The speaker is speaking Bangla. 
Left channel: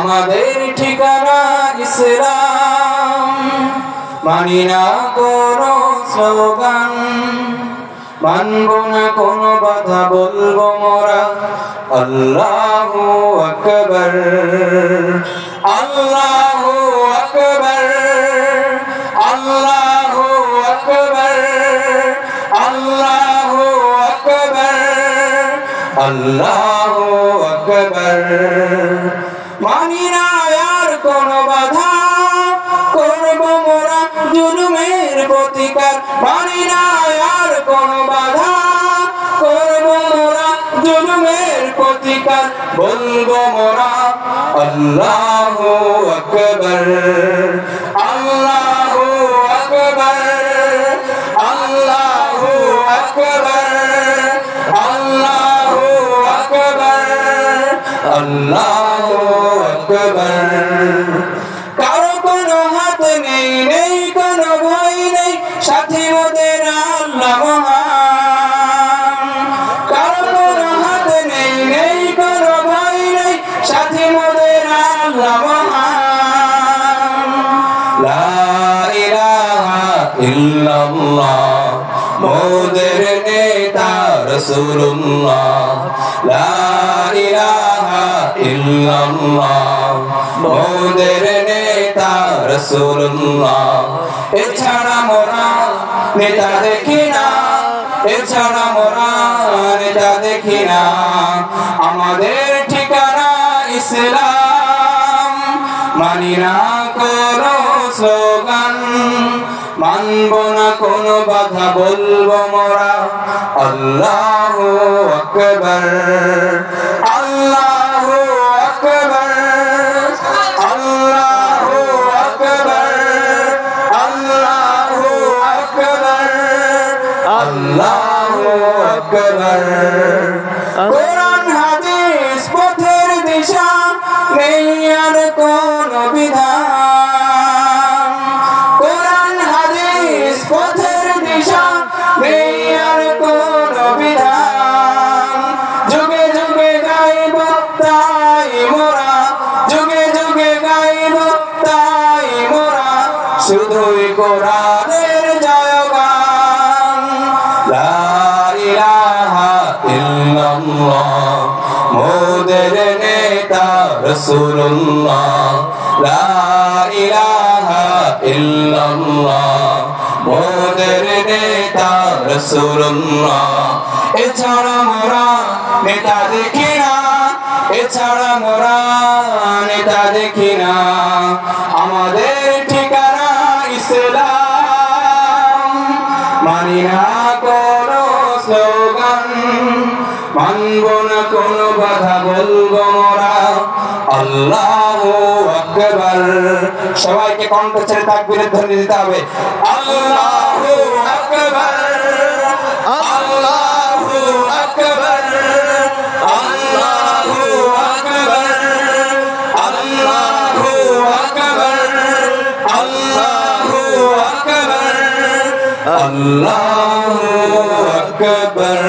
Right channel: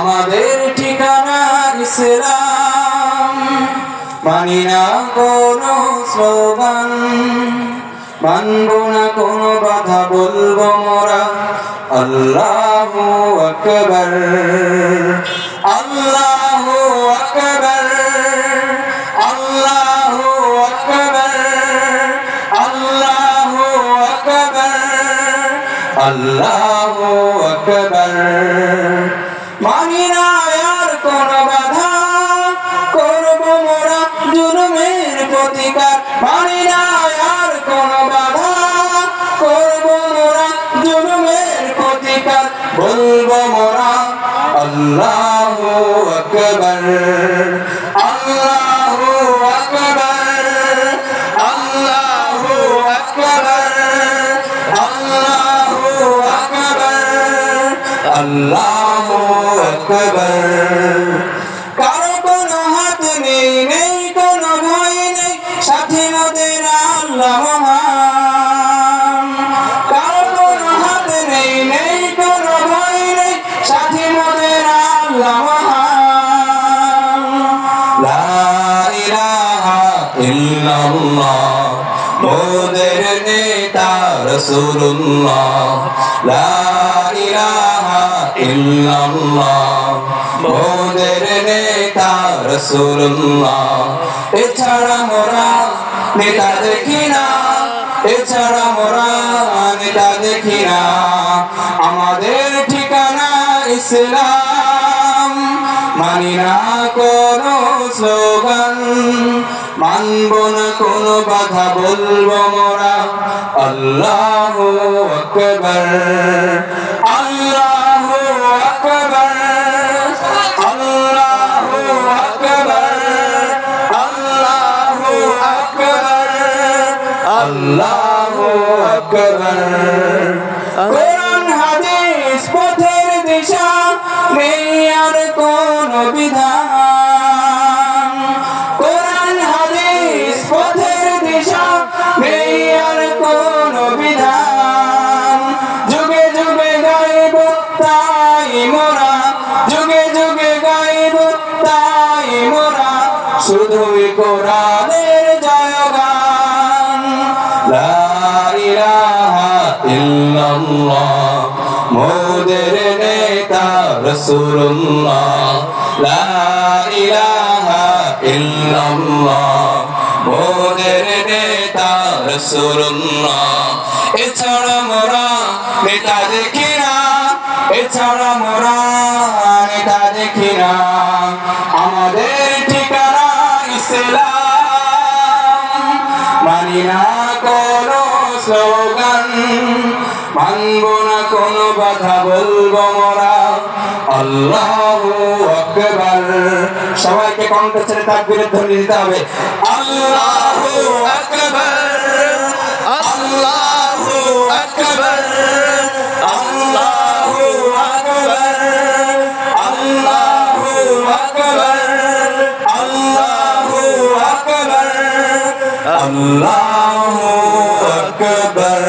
আমাদের ঠিকানা ইসলাম, মানি না কোনো স্লোগান, মানব না কোনো বাধা, বলবো মোরা আল্লাহু আকবার, আল্লাহু আকবার, আল্লাহু আকবার, আল্লাহু আকবার, আল্লাহু আকবার। মানি না আর কোনো বাধা, করব মোরা জুলুমের প্রতিকার। মানি না আর কোনো বাধা, করব মোরা জুলুমের প্রতিকার। বলবো মোরা আল্লাহু আকবার, আল্লাহু আকবার, আল্লাহু আকবার, আল্লাহু আকবার, আল্লাহু আকবার। কারো কোনো হাত নেই, নেই কোনো ভয় নেই, সাথী মোদের আল্লাহ মহান। কারো কোনো হাত নেই, নেই কোনো ভয় নেই, সাথী মোদের আল্লাহ মহান। লা ইলাহা ইল্লাল্লাহ, মোদের নেতা রাসূলুল্লাহ। লা ইলাহা ইল্লাল্লাহ, মোদের নেতা রাসূলুল্লাহ। এছাড়া মোরা নেতা দেখি না, এছাড়া মোরা নেতা দেখি না। আমাদের ঠিকানা ইসলাম, মানি না কোনো স্লোগান, মানব না কোনো বাধা, বলবো মোরা আল্লাহু আকবার, আল্লাহু আকবার, আল্লাহু আকবার, আল্লাহু আকবার, আল্লাহু আকবার। কোরআন হাদিস পথের দিশা, নেই আর কোনো বিধান। কোরআন হাদিস পথের দিশা, নেই আর কোনো বিধান। যুগে যুগে গাইব তাই মোরা, যুগে যুগে গাইব তাই মোরা, শুধুই কোরআনের জয়গান। লা ইলাহা ইল্লাল্লাহ, মোদের নেতা রাসূলুল্লাহ। লা ইলাহা ইল্লাল্লাহ, মোদের নেতা রাসূলুল্লাহ। এছাড়া মোরা নেতা দেখি না, এছাড়া মোরা নেতা দেখি না। আমাদের ঠিকানা ইসলাম, মানি না কোনো স্লোগান, মানব না কোনো বাধা, বলবো মোরা আল্লাহু আকবার। সবাইকে কণ্ঠ ছেড়ে তাকবীরের ধ্বনি দিতে হবে। আল্লাহু আকবার, আল্লাহু আকবার, আল্লাহু আকবার, আল্লাহু আকবার, আল্লাহু আকবার, আল্লাহু আকবার।